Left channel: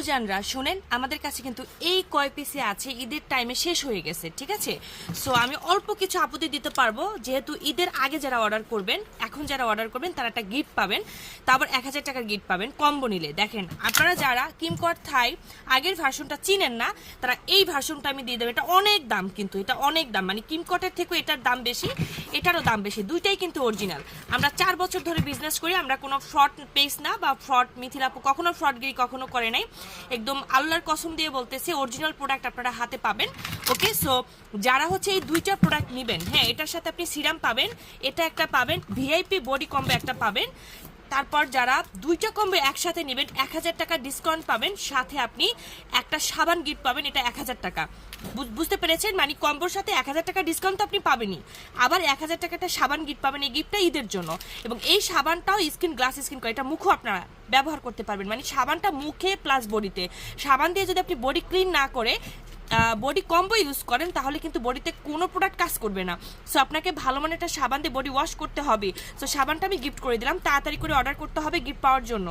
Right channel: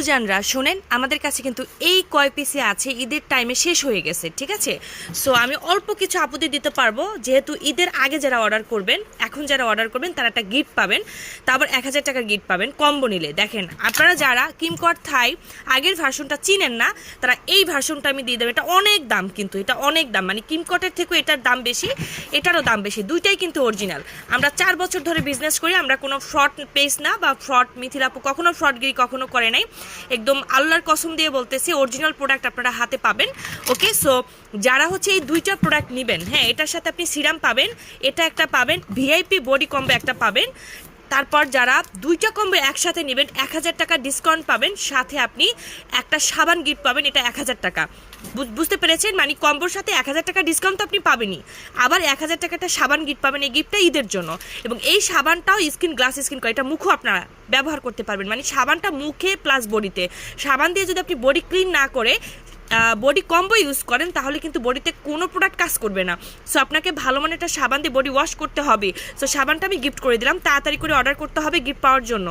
পূজানরা, শোনেন, আমাদের কাছে কিন্তু এই কয় পিসে আছে, ঈদের টাইমে শেষ হয়ে গেছে, ঠিক আছে? সো আমি অল্প কিছু আপত্তি দিতে পারব, যেহেতু ঈদের আগে যারা অর্ডার করবেন, এখন যারা অর্ডার করবেন, তারা একটা গিফট পাবেন, তারপর এক হাজার টাকার গিফট পাবেন কম্বো নিলে। দেখেন, আপনারা যারা কিমকট থাই আগের ভার্সনটা চিনেন না, তারা এই ভার্সনটা আমি দিয়ে দেবো। এটা অনেক দাম কিন্তু, এটা অনেক দাম। মানে কিমকটের থেকেও এটার দাম বেশি, এটারও দাম বেশি, দুইটাই কিন্তু অরিজিনাল আমরা চার বছর ধরে বিজনেস করি, আমরা কোনো ফ্রড পেস না বা ফ্রড মিথিলাপু কখনো ফ্রডগিরি কখনো করে নাই। একদম আল্লাহর কসম দিয়ে বলতেছি অরিজিনাল প্রোডাক্ট আপনারা হাতে পাবেন। ওকে সো যারা হচ্ছে এই দুইটা প্রোডাক্ট নেবেন হ্যাঁ এটার সাথে আপনি সিরাম পাবেন, এটা একটা পাবেন ভিআইপি বডি কম্বো একটা পাবেন। তারপর যারা দুইটা কম্বো একসাথে নেবেন, এক হাজার টাকা ডিসকাউন্ট পাবেন। সাথে আপনি একটা সাবান গিফট পাবেন, এটা এক হাজার টাকা। বুঝ- বুঝতে পেরেছেন? মানে কম্বোর সাথে এক হাজার টাকা ডিসকাউন্ট তো আপনি পাবেনই। আবার এক হাজার টাকাটা সাবান গিফট পাবেন এই গিফটটা ঈদের জন্য। এবং এই সাবানটাও স্কিন গ্লাস স্কিন করে, এটা মুখও আপনারা ব্যবহার করতে পারবেন। মানে সাবানটা মুখে প্লাস বডিতে সাবান দিয়ে যদি আপনি বডি ক্লিন না করে বডি কম্বো ইউজ করেন, তাহলে কিন্তু বডিতে কোনো প্রোডাক্ট কাজ করবে না। সো আপনাকে ভালো মানে একটা সাবান দিয়ে বডি ওয়াশ করতে হবে। সো সাবানটা আমি গিফট করে দিলাম। তাড়াতাড়ি করে অর্ডার করতে হবে গিফট পাওয়ার জন্য।